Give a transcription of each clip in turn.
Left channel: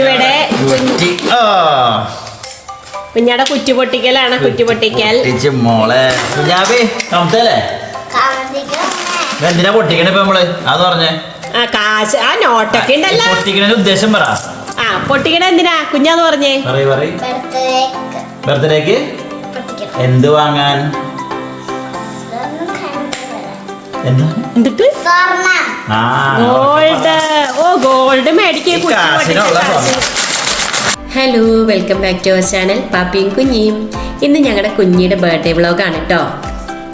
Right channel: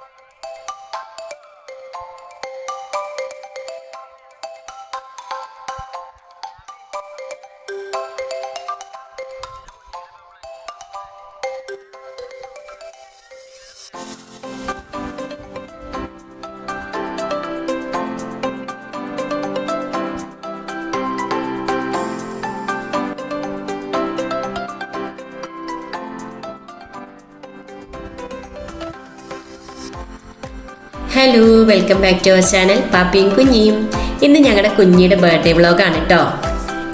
ഇവിടെ കുഞ്ഞാടെ കുറ്റി പൊട്ടിക്കലാണ്. കുറ്റി പൊട്ടിക്കൽ മോളെ കുഞ്ഞാബില്ലേ എന്തിനാ പൊട്ടിക്കണ ഇപ്പൊ നമ്മള് അത് പറഞ്ഞേ. കാശ് ആ നോട്ടൊക്കെ ഉണ്ടല്ലോ. പൊട്ടിക്കണ ഉദ്ദേശം പറ. പൊട്ടിക്കണ എന്തിനാ കുഞ്ഞാന്ന് പറഞ്ഞേ? ബർത്ത്ഡേക്ക് എന്ത് വാങ്ങാൻ? എന്നിട്ട് ഗോൾഡ്. ഓ ഗോൾഡ് മേടിക്കേ. Hello, welcome back to our channel പാപ്പിയും കുഞ്ഞിയും. ഇന്ന് ഞങ്ങളുടെ കുഞ്ഞിയുടെ ബർത്ത്ഡേ വ്ളോഗാണ് കേട്ടോ.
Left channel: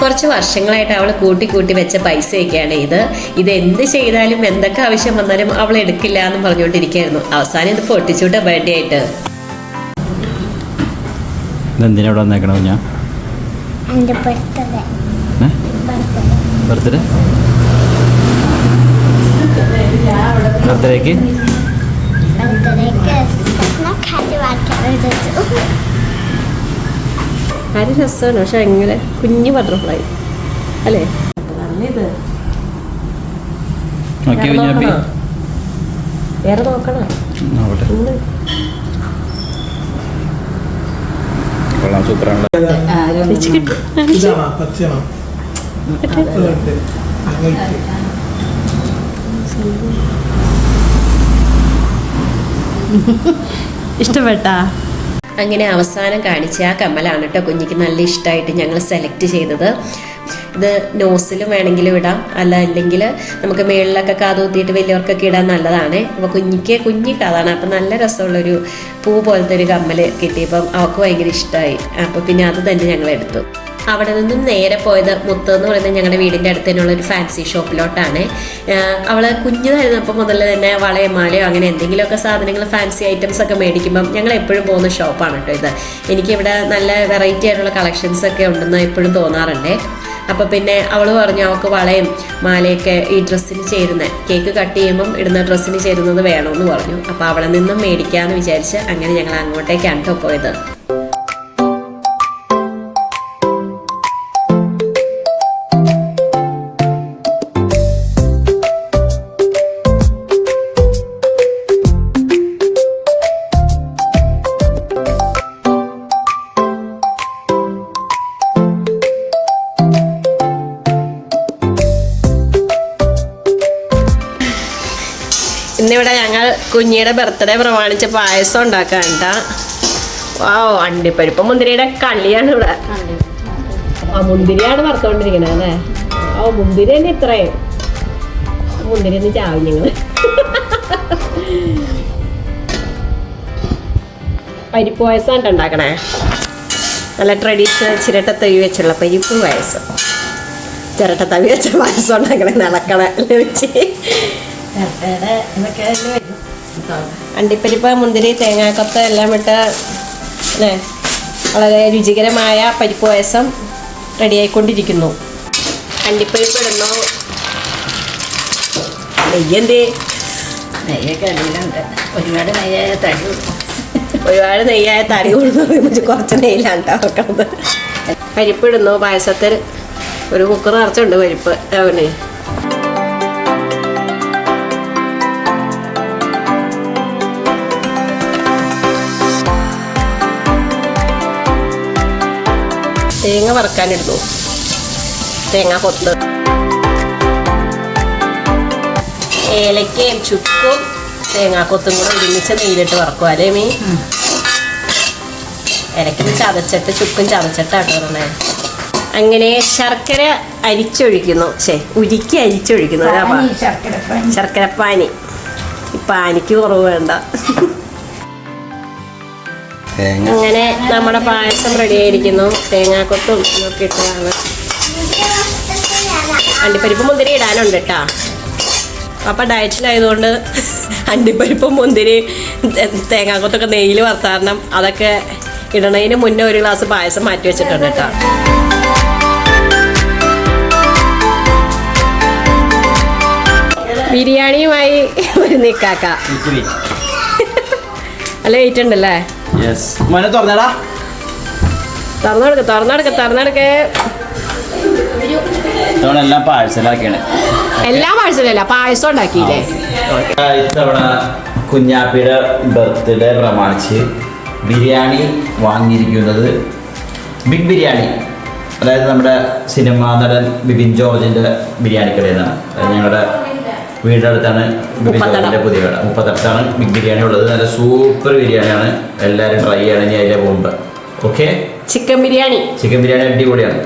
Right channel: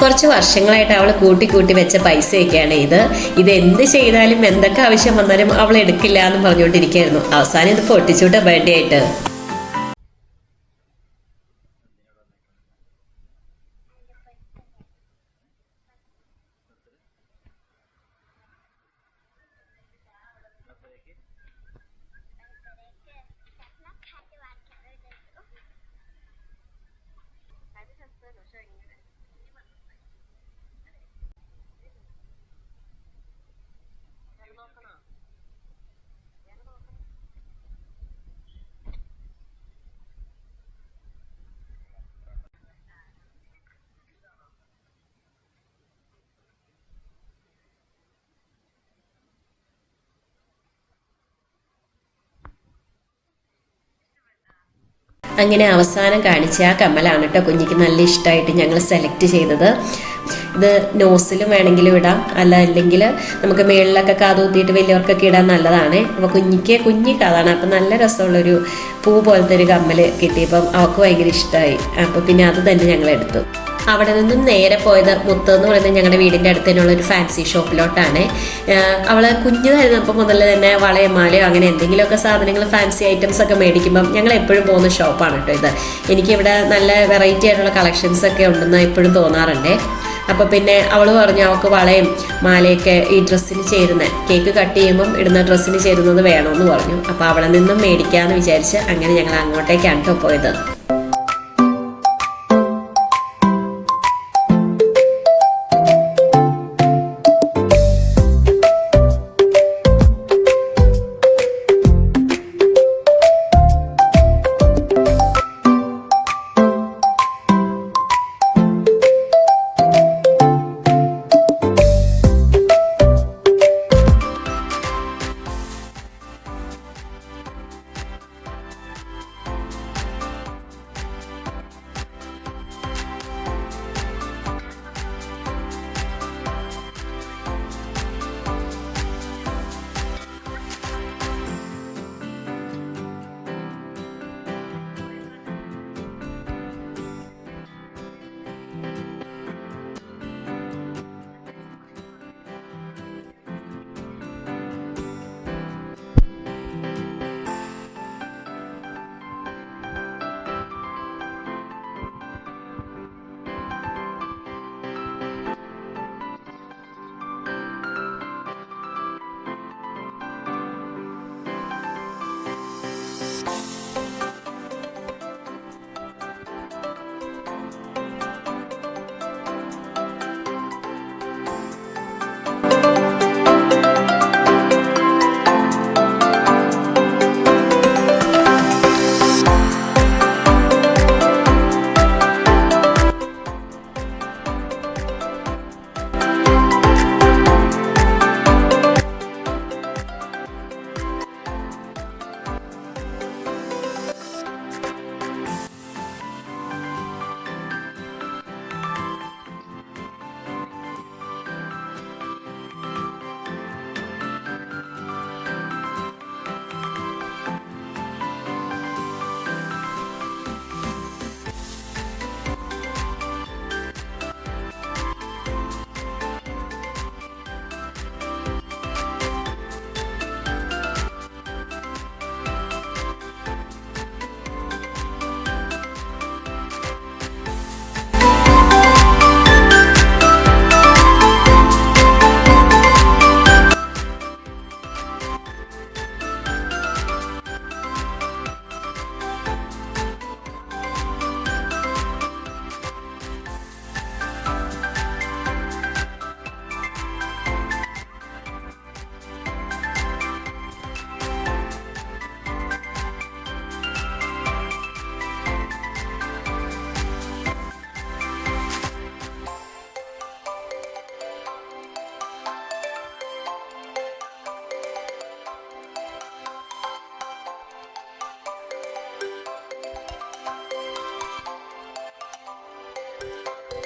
കുറച്ച് വർഷങ്ങളായിട്ട് അവൾ കൂട്ടി വെച്ച പൈസയൊക്കെയാണ് ഇത് എന്ത് ചെയ്താലും എന്തൊക്കെ ആവശ്യം വന്നാലും അവൾ എടുക്കില്ല എന്ന് പറഞ്ഞുകൊണ്ടിരിക്കുകയായിരുന്നു. അവസാനം ഇത് പൊട്ടിച്ചുവിട്ട ബർത്ത്ഡേ ആയിട്ട്. ബർത്ത്ഡേക്ക് കാര്യം രസമാണ്. പക്ഷെ എങ്ങനെ കുഞ്ഞു ബട്ടർഫ്ലൈ അല്ലേ? വേറെ നോക്കണം. ഇഷ്ടപ്പെട്ടാ? അങ്ങനെ അവസാനം കാണിച്ച ആ കമ്മലാണ് കേട്ടോ കുഞ്ഞിക്ക് നല്ല ഇഷ്ടമായിട്ട് ഞങ്ങൾ സെലക്ട് ചെയ്തത്. ഇത് നോസിലും വേണമെങ്കിലും ഇടാം, അല്ലെങ്കിൽ നമുക്ക് മേളിലൊക്കെ കാതൂത്തിയിട്ട് വലിയവർക്കൊക്കെ ഇടാൻ നല്ലതാണ്. അപ്പോൾ കുഞ്ഞി കാതാണ്. അപ്പം നല്ല രസമുള്ളൊരു പൂ പോലത്തെ ഒരു കമ്മൽ കിട്ടിയപ്പം അവൾക്ക് ഭയങ്കര ഇഷ്ടമായി. അപ്പോൾ പിന്നെ അത് തന്നെ ഞങ്ങൾ എടുത്തു. അവിടെ നിന്നും നേരെ പോയത് മുത്ത് എന്ന് പറയുന്നത് ഞങ്ങളുടെ വീടിൻ്റെ അടുത്ത് തന്നെയുള്ള ഒരു ഫാൻസി ഷോപ്പിലോട്ടാണ്. അവൾ കുഞ്ഞിതായിരുന്നപ്പോൾ മുതൽ തന്നെ വളയോ മാലയോ അങ്ങനെ എന്തെങ്കിലുമൊക്കെ സാധനങ്ങൾ ഫാൻസി ഐറ്റംസ് ഒക്കെ മേടിക്കുമ്പം ഞങ്ങൾ എപ്പോഴും പോകുന്ന ഷോപ്പാണ് കേട്ടോ ഇത്. എനിക്കിവിടെ നല്ല വെറൈറ്റി ആയിട്ടുള്ള കളക്ഷൻസ് ഒക്കെ ഉണ്ടെന്ന് എപ്പോഴും തോന്നാറുണ്ട്. അപ്പോൾ പിന്നെ അവൾ പറഞ്ഞു അവൾക്ക് വളയും മാലയൊക്കെ ഈ ഡ്രസ്സിന് ചേരുന്ന, കേക്ക് കട്ട് ചെയ്യുമ്പം ഇടുന്ന ഡ്രസ്സിന് ചേരുന്നത് വേണമെന്ന് പറഞ്ഞു. അപ്പോൾ അവിടെ നിന്നും മേടിക്കാമെന്ന് വിചാരിച്ച് അങ്ങനെ ഞങ്ങൾ അങ്ങോട്ടേക്കാണ് കേട്ടോ പോയത്. ഇന്നിവിടെ ഞങ്ങൾ കുഞ്ഞിയുടെ ബർത്ത്ഡേ പ്രമാണിച്ച് പായസം ഉണ്ടാക്കാണ്ട. വാവ്, അണ്ടിപ്പരിപ്പ് മുന്തിരിയുടെ കളിയാണ് ഇവിടെ. മുന്തിരിയാണ് വറുത്തോണ്ടിരിക്കണേ അല്ലേ? മുന്തിരി തന്നെ ഇത്രയും. മുന്തിരി ഒന്ന് ചാവും ഞങ്ങള്. പരിപ്പ് പായസം ഉണ്ടാക്കണേ. നല്ല ട്രഡീഷണൽ ചിരട്ട തവി വെച്ചുള്ള പരിപ്പ് പായസം. ചിരട്ട തവി വെച്ച പായസം ഉണ്ടാക്കണേ. നടക്കണേ വെച്ച് അണ്ടിപ്പരിപ്പ് മുന്തിരി തേങ്ങാക്കൊത്ത് എല്ലാം ഇട്ട് അല്ലേ വളരെ രുചികരമായ പരിപ്പ് പായസം റെഡിയായിക്കൊണ്ടിരിക്കുന്നു. അണ്ടിപ്പരിപ്പ് ഇടുന്നു. നെയ്യന്തേ? ഒരുപാട് നെയ്യായ തടി കൊടുത്തു. കുറച്ച് നെയ്യിലാണ് വെക്കുന്നത്. പരിപ്പ് ഇടുന്നു. പായസത്തിൽ ഒരു കുക്കർ നിറച്ചുണ്ട് പരിപ്പ്. അവന് തേങ്ങ വറുക്കാനിടുന്നു. തേങ്ങ കൊത്ത്, ഏലക്കയും ചുക്കും തേങ്ങാക്കൊത്തും കൂടെ ഒരുമിച്ച് നെയ്യിലിട്ട് വറക്കും അല്ലേ മീ? ഇലക്കൊന്ന് ചതച്ചിട്ട് ചുക്കും ചതച്ചിട്ടാട്ടോ പറഞ്ഞേ. അങ്ങനെ ശർക്കര അരിച്ചൊഴിക്കുന്നു. ഉരുക്കി അരിച്ചൊഴിക്കുന്നു. ശർക്കരപ്പാനി. ഈ പാനിക്ക് കുറവ് വേണ്ട. അങ്ങനെ നമ്മുടെ പായസം റെഡി ആയിരിക്കുന്നു. തേങ്ങാക്കൊത്തും ഒക്കെ ഇട്ടതാണ്. അണ്ടിപ്പരിപ്പ് മുന്തിരി ഇടാനുണ്ട് കേട്ടാ. അപ്പം ഡയറ്റിലായതുകൊണ്ട് അണ്ടിപ്പരിപ്പും മുന്തിരി തേങ്ങാക്കൊത്തൊക്കെ നെയ്യിൽ വറുത്താരണം അതൊക്കെ ഇടണതിന് മുന്നേ ഒരു ഗ്ലാസ് പായസം മാറ്റി വെച്ചിട്ടുണ്ട് കേട്ടോ. ബിരിയാണിയുമായി ഒരു നിക്കാക്ക. നല്ല വെയിറ്റ് ഉണ്ടല്ലേ? തുറന്നെടുക്ക. എല്ലാം പാഴ്സലാക്കിയാണ്. എല്ലാം പാഴ്സലല്ല, പായസം ഉണ്ടാക്കിയില്ലേ? കുഞ്ഞാപ്പിയുടെ ബർത്ത്ഡേ പ്രമാണിച്ച് ബിരിയാണി വാങ്ങിയിരിക്കുന്നത് ബിഗ് ബിരിയാണി, അതായത് നമ്മുടെ സിനിമാ നടൻ ബിബിൻ ജോർജിൻ്റെ ബിരിയാണി കടയിൽ നിന്നാണ്. ഞങ്ങളുടെ വീടിൻ്റെ അടുത്താണ് ബിബിൻ ജോർജിൻ്റെ പുതിയ കട. 38 ബിഗ് ബിരിയാണി ഉള്ളത്. നല്ല സൂപ്പർ ബിരിയാണിയാണ്, എല്ലാവരും ട്രൈ ചെയ്യണം. ഇനി അതിലെ പോകുമ്പോൾ ഓക്കെ. ചിക്കൻ ബിരിയാണി അടിപൊളിയാണ്.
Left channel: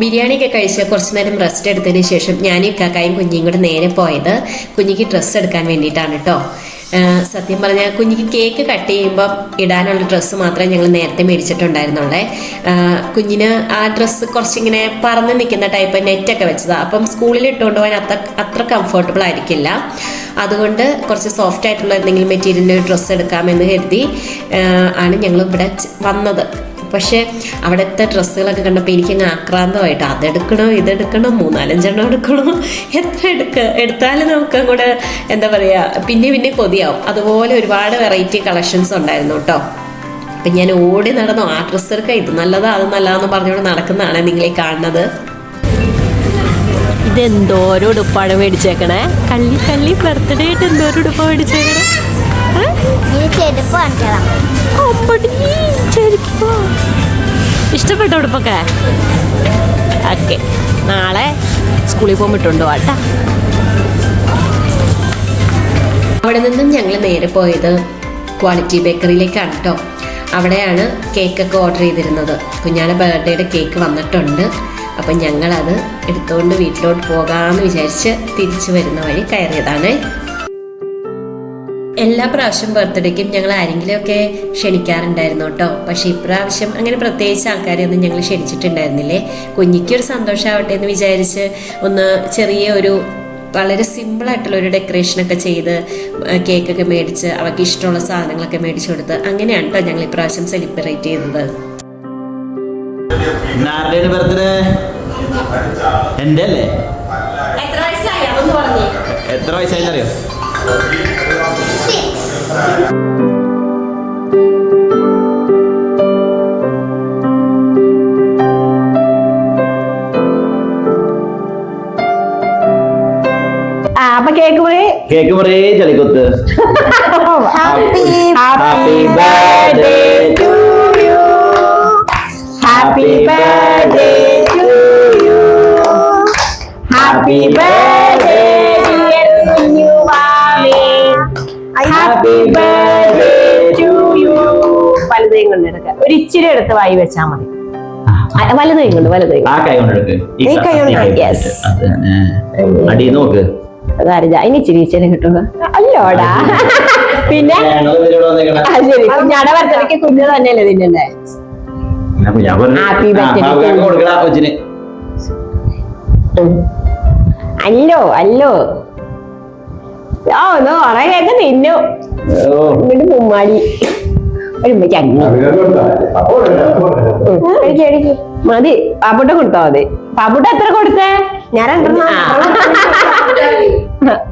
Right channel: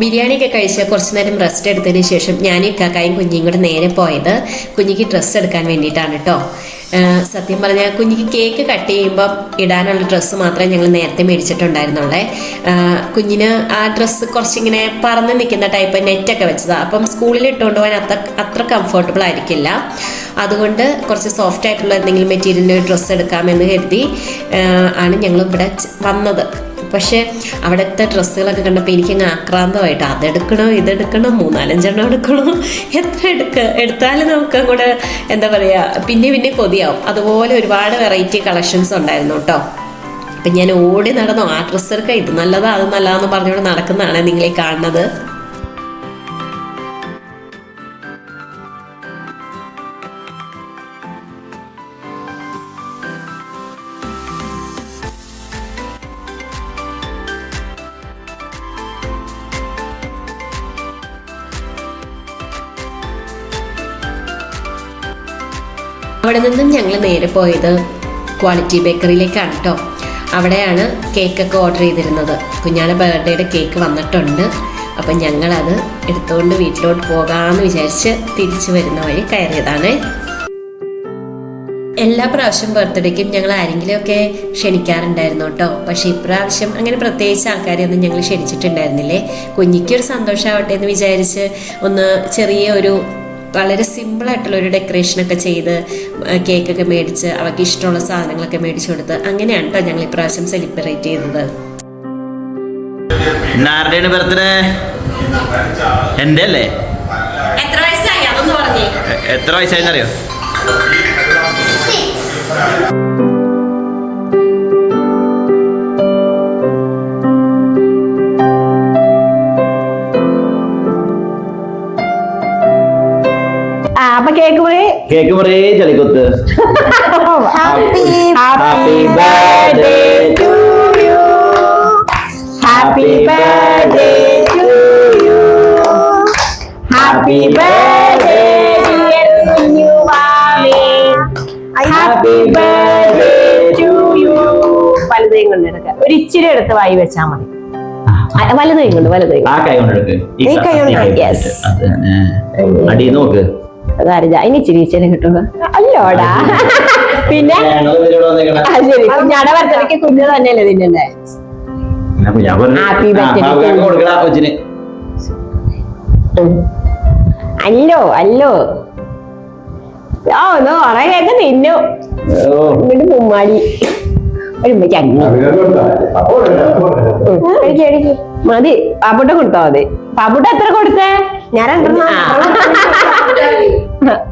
ബിരിയാണിയൊക്കെ കഴിച്ച് കുറച്ച് നേരം റെസ്റ്റ് എടുത്തതിന് ശേഷം ഞാനും ഇക്കാക്കായും കുഞ്ഞിയും കൂടെ നേരെ പോയത് കുഞ്ഞിക്ക് ഡ്രസ്സ് എടുക്കാൻ വേണ്ടിയിട്ടാണ് കേട്ടോ. സത്യം പറഞ്ഞാൽ കുഞ്ഞിക്ക് കേക്ക് കട്ട് ചെയ്യുമ്പോൾ ഇടാനുള്ള ഡ്രസ്സ് മാത്രമേ ഞങ്ങൾ നേരത്തെ മേടിച്ചിട്ടുണ്ടായിരുന്നുള്ളേ. കുഞ്ഞിന് ആ ഡ്രസ്സ് കുറച്ചിങ്ങനെ പറന്ന് നിൽക്കുന്ന ടൈപ്പ് നെറ്റൊക്കെ വെച്ചതാണ്. അപ്പം സ്കൂളിൽ ഇട്ടുകൊണ്ട് പോകാൻ അത്ര കംഫർട്ടബിൾ ആയിരിക്കില്ല. അതുകൊണ്ട് കുറച്ച് സോഫ്റ്റ് ആയിട്ടുള്ള എന്തെങ്കിലും മെറ്റീരിയലിൻ്റെ ഡ്രസ്സ് എടുക്കാമെന്ന് കരുതി ആണ് ഞങ്ങൾ ഇവിടെ വന്നത്. പക്ഷേ അവിടുത്തെ ഡ്രസ്സുകളൊക്കെ കണ്ടപ്പോൾ എനിക്കങ്ങ് ആക്രാന്തമായിട്ട് അതെടുക്കണോ ഇതെടുക്കണോ 3-4 എടുക്കണോ, എത്ര എടുത്താലും നമുക്ക് അങ്ങോട്ട് എന്താ പറയുക പിന്നെ കൊതിയാവും. അതുപോലെ ഒരുപാട് വെറൈറ്റി കളക്ഷൻസ് ഉണ്ടായിരുന്നു കേട്ടോ. അപ്പം ഞാൻ ഓടി നടന്നു ആ ഡ്രസ്സ് എടുക്കുക, ഇത് നല്ലതാ അത് നല്ലതാന്ന് പറഞ്ഞുകൊണ്ട് നടക്കുന്നതാണ് നിങ്ങളീ കാണുന്നത്. ഇതെന്തോരം ഉടുപ്പാണ് മേടിച്ചേക്കണേ, കള്ളി ബർത്ത്ഡേ ആയിട്ട് എന്തോരം ഉടുപ്പാണ് മേടിച്ചേക്കണേ. ഇഷ്ടപ്പെട്ട ഉടുപ്പൊക്കെ ഓക്കെ. നാളെ സ്കൂളിൽ പോകുമ്പോട്ടുണ്ടോ ആട്ടാ. അവിടെ നിന്നും ഞങ്ങൾ നേരെ പോയത് ക്വാളിറ്റി ബേക്കറിയിലേക്കാണ് കേട്ടോ. അവിടെയാണ് കേക്കൊക്കെ ഓർഡർ ചെയ്തിരുന്നത്. കുഞ്ഞാടെ ബർത്ത്ഡേയുടെ കേക്ക് വന്നിട്ടുണ്ട്. അപ്പം ഞങ്ങളത് എടുത്തുകൊണ്ട് വീട്ടിലോട്ട് പോകാമെന്ന് വിചാരിച്ച് തിരിച്ചു വരുന്ന വഴി കയറിയതാണ്. എല്ലാ പ്രാവശ്യം ബർത്ത്ഡേക്കും ഞങ്ങൾ ആരെങ്കിലുമൊക്കെ ക്ഷണിക്കാറുണ്ടായിരുന്നു കേട്ടോ. പക്ഷേ ഇപ്രാവശ്യം അങ്ങനെ പ്രത്യേകിച്ച് ആൾക്കാരെയൊന്നും ഞങ്ങൾ ക്ഷണിച്ചിട്ടുണ്ടായിരുന്നില്ലേ. കുഞ്ഞിക്കൊരു സന്തോഷമാവട്ടെ എന്ന് വിചാരിച്ച് ഒന്ന് ചെറിയ വളരെ സിമ്പിളായിട്ടുള്ളൊരു ഡെക്കറേഷനൊക്കെ ചെയ്ത് കേക്കൊക്കെ മേടിച്ച് അവർക്ക് ഇഷ്ടമുള്ള സാധനങ്ങളൊക്കെ മേടിച്ചു കൊടുത്ത് അങ്ങനെയാണ് കേട്ടോ ഞങ്ങൾ ഇപ്രാവശ്യം സെലിബ്രേറ്റ് ചെയ്തത്. ബർത്ത്ഡേ എൻ്റെ അല്ലേ? എത്ര വയസ്സായി അതൊന്ന് പറഞ്ഞേ. എത്ര വയസ്സായെന്നറിയോ? അപ്പൊ കേക്ക് മുറി ചളിക്കൊത്ത്. Happy birthday to you, happy birthday to you, happy birthday dear വാവേ, ഹാപ്പി ബർത്ത്ഡേ ടു യു. വലുതേം കൊണ്ട് എടുക്കുക, ഒരു ഇച്ചിരി എടുത്ത് വായി വെച്ചാ മതി. വലുതേം കൊണ്ട് ആ കൈ കൊണ്ട് അടി നോക്ക്. ഇനി ഇച്ചിരി കിട്ടുക അല്ലോടാ. പിന്നെ ശരി, കുഞ്ഞാടെ ബർത്ത്ഡേക്ക് കുഞ്ഞ് തന്നെയല്ലേ തിന്നണ്ടേ? Happy birthday. അല്ലോ ഒന്ന് കൊറേ കേക്ക് തിന്നു. ഇങ്ങോട്ട് മുമ്മാടി മതി. പാപ്പുട്ട കൊടുത്താ മതി. പാപ്പുട്ട എത്ര കൊടുത്തേ? ഞാൻ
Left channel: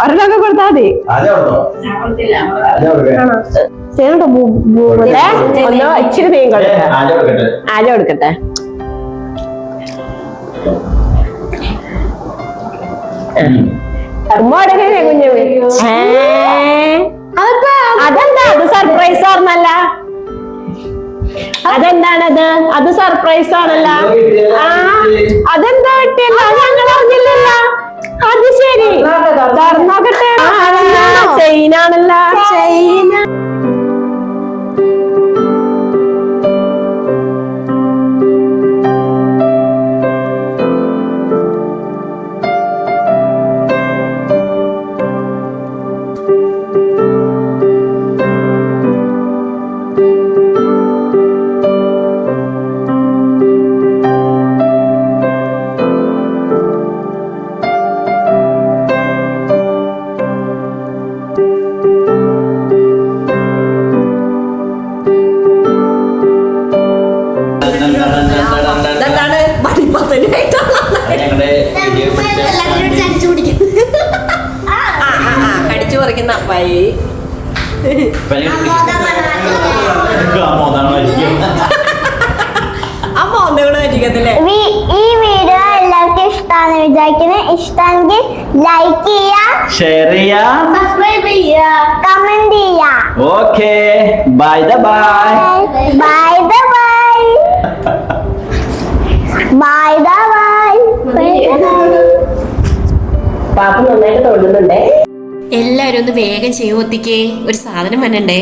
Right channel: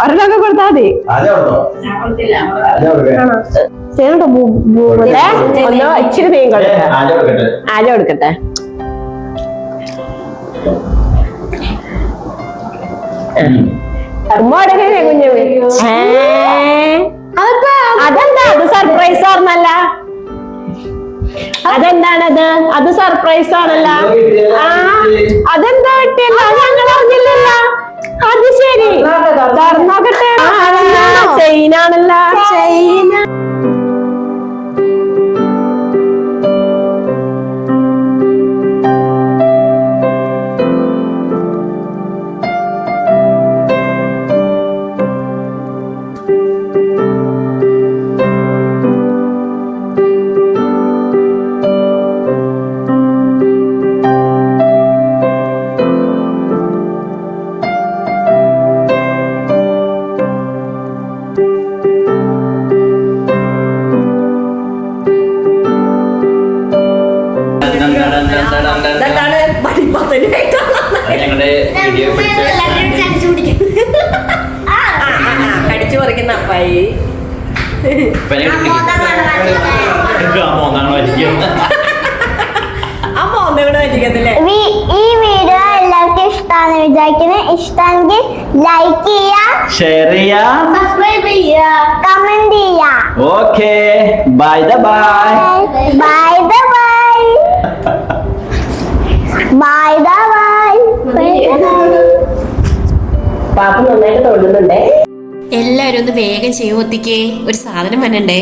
ഒരെണ്ണൊക്കെ കൊടുത്താ മതി. ഒന്നോ ഇച്ചിരി നീ കൊടുക്കട്ടെ. ആല കൊടുക്കട്ടെ. കുഞ്ഞു അതെന്താ? അത് സർപ്രൈസ് ആർന്നല്ല. അതെന്താണത്? അത് സർപ്രൈസ് ആണല്ല. അതെന്താ കിട്ടിയല്ല? ഞങ്ങൾ അറിഞ്ഞില്ലല്ല. അത് ശരി, തുറന്നോക്കട്ടെ. ചെയിനാണല്ല. ചെയിന കടിച്ചു പറിക്കുന്ന അപ്പായി. അമ്മ ഒന്ന് ഊണായിരിക്കത്തില്ലേ? ഈ വീഡിയോ എല്ലാവർക്കും ഇഷ്ടമാണെന്ന് വിചാരിക്കുന്നത്. ഇഷ്ടമെങ്കിൽ ലൈക്ക് ചെയ്യുക, ഷെയർ ചെയ്യാം, സബ്സ്ക്രൈബ് ചെയ്യുക, കമന്റ് ചെയ്യുക. Okay bye bye bye bye bye bye. പാപ്പ നന്നായിട്ട് തോന്നുന്നുണ്ടേ. എല്ലാരും ഒന്ന് വേഗം ചെയ്യുമൊത്തിക്കേ, ഒരു സാധനം വന്നണ്ടേ.